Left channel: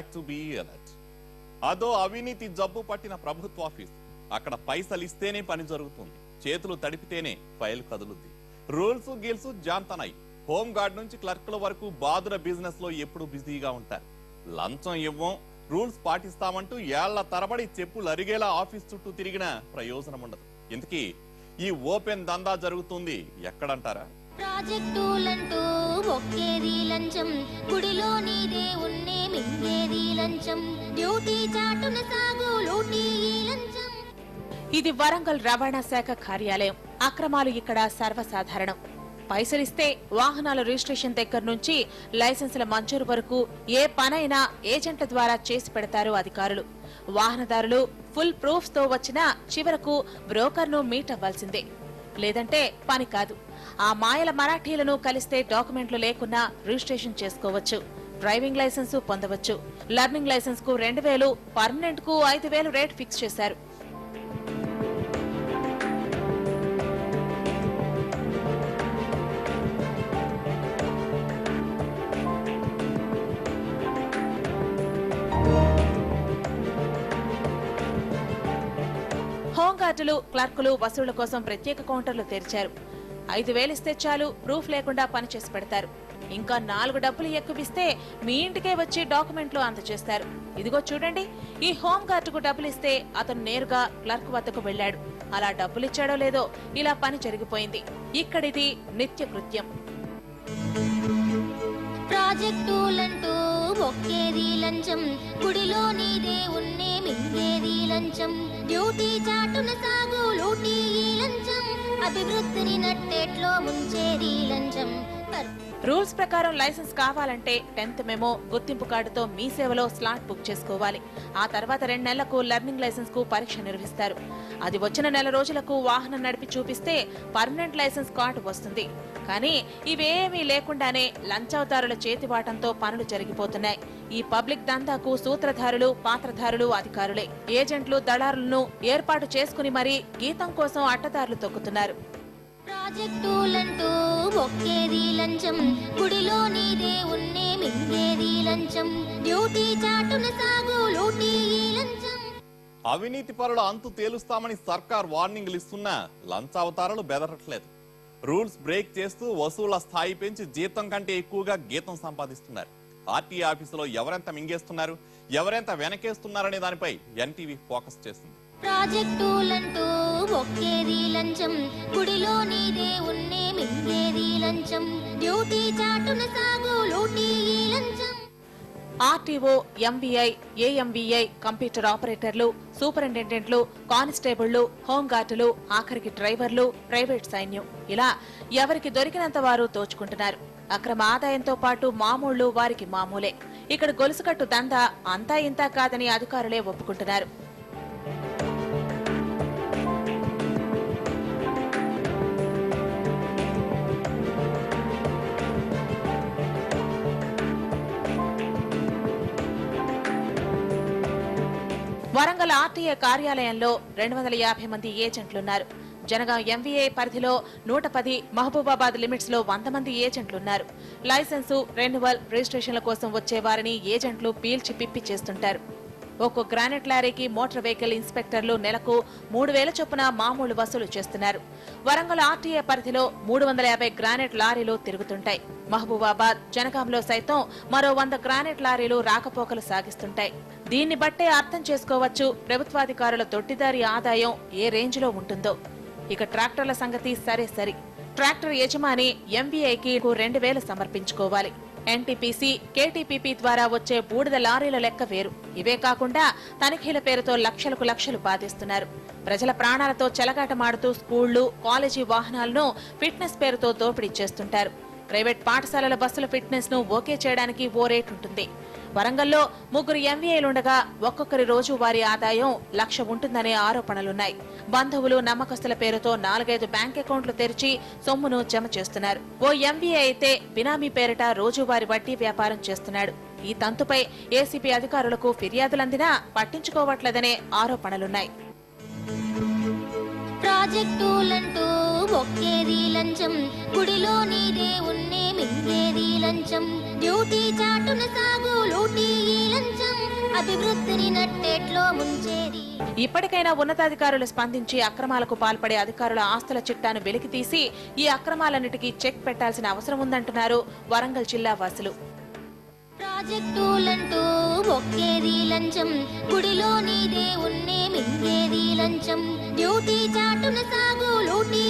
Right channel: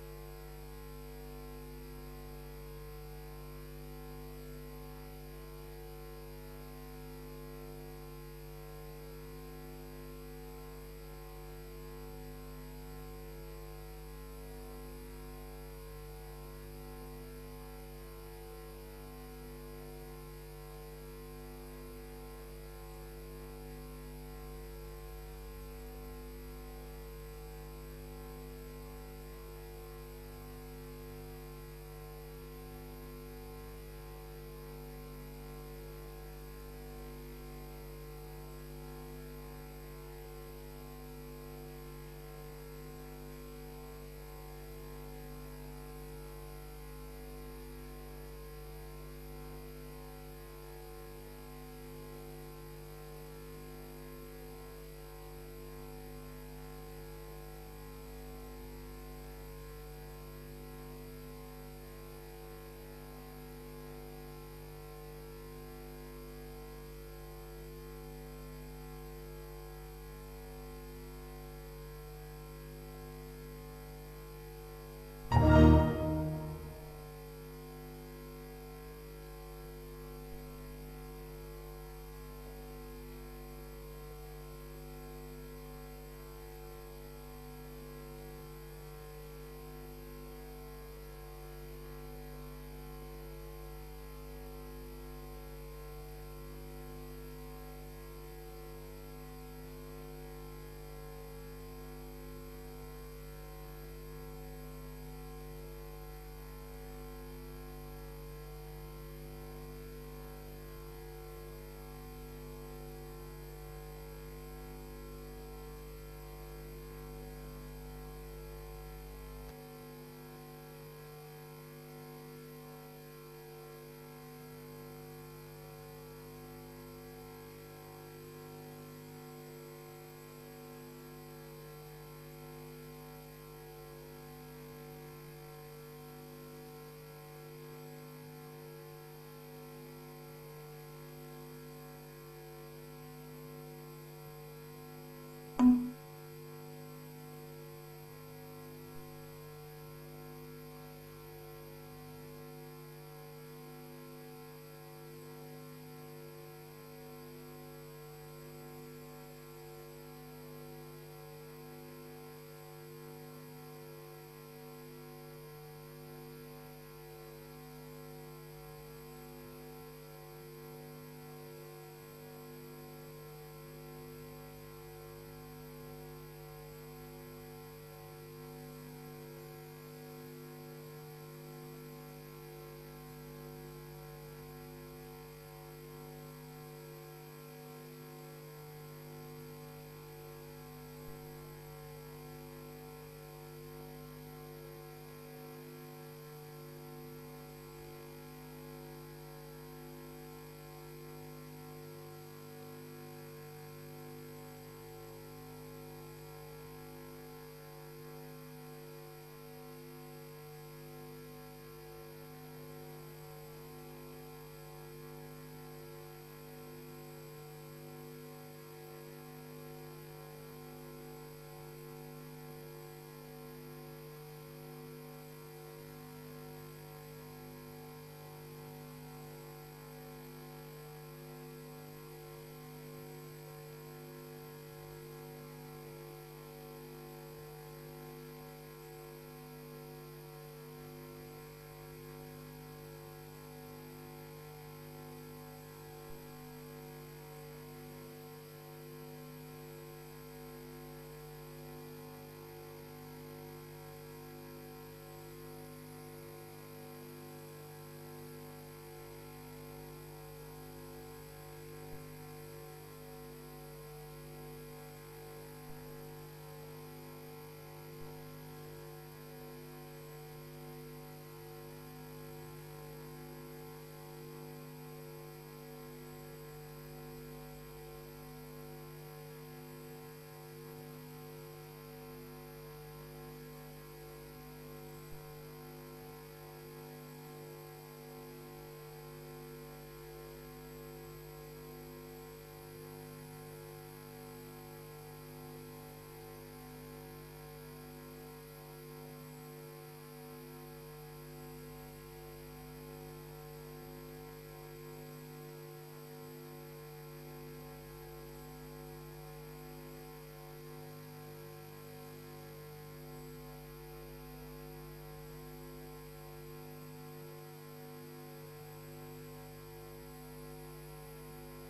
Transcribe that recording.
Back to be alert. అదో అవినీతి జబ్బు పట్టిన ప్రభుత్వ ఆఫీస్. అక్కడ పైసలు ఇస్తేనే పని జరుగుతుంది, చేతులు తడిపితేనే ఫైల్ కదులుతుంది. రూల్స్ గీల్స్ జాంతనాయి. హోమ్ గార్డ్ నుంచి క్లర్క్ల వరకు బాదుర బిజినెస్ లో ఎప్పుడు బిజీగా ఉంటారు. లంచం ఇవ్వం, రూల్స్ పాటిస్తామంటూ ఏళ్ల తరబడి చెప్పులు అరిగేలా ఆఫీస్ చుట్టూ తిరిగిన ప్రయోజనం ఉండదు. ఇంతకీ ఈ ఓపెన్ దందా జరుగుతుంది ఎక్కడంటారా? ప్రాజెక్టులంటూ ఒక్కేది లంచం, గుడిలోని దేవుణ్ణే మింగేది లంచం, డ్యూటీ చాటున సాగు లూటీ లంచం. ఇది వరంగల్ రవాణా శాఖ కార్యాలయం. అక్రమాలు ఇక్కడ సర్వసాధారణం. పైసలిస్తే వాహనాల రిజిస్ట్రేషన్ దగ్గర నుంచి లైసెన్సుల మంజూరు వరకు ఏ పనైనా ఏజెంట్ల ద్వారా చేసి పెడతారు అధికారులు. వాహనదారులు ఫుల్ ప్రూఫ్స్ తో వచ్చినా చివరకు బ్రోకర్ ను మీట్ అవ్వాల్సిందే, లేదంటే పని కాదు. ఆ మాయల మరాఠీలను కలిస్తే డాక్యుమెంట్లు లేకున్నా రిజిస్ట్రేషన్ చేసుకోవచ్చు, డ్రైవింగ్ లైసెన్సు పొందవచ్చు. లర్నింగ్ లైసెన్స్ కు 2000, పర్మనెంట్ కు 5000 రేట్ ఫిక్స్ చేశారు. హోంగార్డులు, క్లర్కులు వసూళ్ల కోసం ప్రత్యేక కౌంటర్లు తెరిచారు. 5000 ఇస్తే చాలు, ప్రూఫ్ లేకుండా పనిచేసి పెడతారు. ఇంకా 4 డబ్బులు ఎక్కువిస్తే మీ ఇంటికే వచ్చి డాక్యుమెంట్లు అందజేస్తారు. ఇదిగో చూడండి, ఈ హోంగార్డుకు డబ్బులు ఇస్తే అతను నేరుగా క్లర్క్ వద్దకు వెళ్లాడు. అలా డబ్బులిచ్చాడో లేదో ఇలా పని జరిగిపోయింది. ఇక్కడిది నిత్య కృత్యం. ప్రాజెక్టులంటూ ఒక్కేది లంచం, గుడిలోని దేవుణ్ణే మింగేది లంచం, డ్యూటీ చాటున సాగు లూటీ లంచం, అభివృద్ధిని నట్టేట్లో ముంచేది లంచం. రూల్స్ ప్రకారం లైసెన్స్ కావాలంటే 10th మెమో, గుర్తింపు కార్డుతో మీ సేవలో స్లాట్ బుక్ చేసుకోవాలి. ఆ తర్వాత 2 నెలలకు లర్నింగ్ లైసెన్స్ కు పరీక్ష నిర్వహిస్తారు. అది వచ్చిన నెల రోజులకు వాహనం నడిపి చూపిస్తే పర్మనెంట్ లైసెన్స్ కార్డు వస్తుంది. కానీ ఇవేమీ లేకుండానే లంచవతారుల చేతివాటంతో పనులు జరిగిపోతున్నాయి. ఈ పబ్లిక్ దందాకు సూత్రధారులు, పాత్రధారులు అధికారులే. ఏజెంట్లు, దళారులను ఏర్పాటు చేసుకుని మరీ గీతం కోసం అడ్డదారులు తొక్కుతున్నారు. ప్రాజెక్టులంటూ ఒక్కేది లంచం, గుడిలోని దేవుణ్ణే మింగేది లంచం, డ్యూటీ చాటున సాగు లూటీ లంచం. అవినీతి పరుల అంతు తేలుస్తామని సర్కార్ వార్నింగ్లు ఇస్తున్నా లంచావతారాలు బెదరట్లేదు. రూల్స్ బ్రేక్ చేస్తూ వసూళ్ల స్థాయి పెంచి జీతం కంటే ఎక్కువగా గీతం సంపాదిస్తున్నారు. ఆర్టీఏ ఆఫీసులో ఎవరెంత మింగేస్తున్నారు, ఎవరెంత వెనకేస్తున్నారనే దానిపై ఎన్టీవీ ఫోకస్ చేస్తుంది. ప్రాజెక్టులంటూ ఒక్కేది లంచం, గుడిలోని దేవుణ్ణే మింగేది లంచం, డ్యూటీ చాటున సాగు లూటీ లంచం. ఆర్టీఓ, ఎంబీఐ, ఏఎంబీఐ, కంప్యూటర్ ఆపరేటర్లు, సూపరింటెండెంట్లు, కానిస్టేబుళ్లు, హోంగార్డులు, ఆఖరికి డ్రైవర్లు, ప్రైవేట్ సైన్యం, ఇలా ఎవరికి దొరికినంత వారు దోచుకుంటున్నారు. అక్రమ ఆదాయంతో పాటు మామూళ్లు వారికి మామూలే. ఇక్కడ గొలుసుకట్టు దందా అంతా ఇంతా కాదని అధికారులే ఒప్పుకుంటున్నారు. వరంగల్ ఆర్టీఏ కార్యాలయంలో 250 మంది ఏజెంట్లున్నారు. జనగాం ఎంవీఏ పరిధిలో 110, మహబూబాబాద్ లిమిట్స్ లో 100 మంది ఏజెంట్లున్నారు. లైసెన్సు, రెన్యువల్, రిజిస్ట్రేషన్ల కోసం వచ్చే వారిని ఏజెంట్లు పీల్చి పిప్పి చేస్తుంటారు. ఒక్కో గ్రానైట్ లారీకి మోటార్ వెహికల్ ఇన్స్పెక్టర్లు నెలకు 3000 చొప్పున మామూలు వసూలు చేస్తున్నారు. వరంగల్ ఆర్టీఏ పరిధిలో 350 గ్రానైట్ లారీలు తిరుగుతుంటాయి. మహబూబాబాద్, జనగాంలో సైతం మరో 100 గ్రానైట్ లారీలు రాకపోకలు సాగిస్తుంటాయి. దీన్ని బట్టే అర్థం చేసుకోవచ్చు ప్రభుత్వాధికారుల దొడ్డిదారి ఆదాయం ఏ రేంజ్ లో ఉంటుందో. ఇక ట్రాక్టర్ల సంగతి సరే సరి. ట్రాక్టర్ యజమాని ఎంబీఐకి 2000 సమర్పించుకోవాలి. ఎన్టీపీసీ, కేటీపీపీ ద్వారా వచ్చే బూడిద లారీల లెక్క వేరు. ఇవే కాకుండా తనిఖీల పేరుతో లక్షలకు లక్షలు బాధిస్తున్నారు. ప్రజల ప్రాణాలతో చెలగాటమాడుతూ స్కూళ్లు, కాలేజీ వాహనాలను ఫిట్నెస్ పేరుతో దోపిడీ చేస్తుంటారు. ప్రైవేట్ పాఠశాలల బస్సుల ఫిట్నెస్ ను ఓకే చేయడానికి ఓ రేట్ ఉంటుంది. వరంగల్లో 3 ఎంవీఐలుండగా ఒక్కొక్కరి రోజు వారి ఆదాయం 1,00,000 ఉంటుందనే ఆరోపణలున్నాయి. బంధువులు, నమ్మకస్తుల పేరుతో 4-5 బ్యాంక్ అకౌంట్లు తెరిచి సొమ్మును జమ చేస్తున్నారు. ఓ ఎంవీఐ అయితే బినామీ పేరిట రోజువారీ వడ్డీ వ్యాపారం చేస్తున్నాడు. ఈ తంతుపై ఏసీబీ అధికారులకు ఫిర్యాదులందినా పట్టించుకోవట్లేదనే ఆరోపణలున్నాయి. ప్రాజెక్టులంటూ ఒక్కేది లంచం, గుడిలోని దేవుణ్ణే మింగేది లంచం, డ్యూటీ చాటున సాగు లూటీ లంచం. అభివృద్ధిని నట్టేట్లో ముంచేది. ఇప్పటికైనా ఉన్నతాధికారులు స్పందించి అక్రమాలకు పాల్పడే అధికారుల ఆస్తుల చిట్టాను వెలికితీసి ఈ అక్రమాలన్నిటికీ చెక్ పెట్టాల్సిన అవసరం ఉందంటున్నారు వరంగల్ జిల్లా వాసులు. ప్రాజెక్టులంటూ ఒక్కేది లంచం, గుడిలోని దేవుణ్ణే మింగేది లంచం. డ్యూటీ చాటున సాగు లూటీ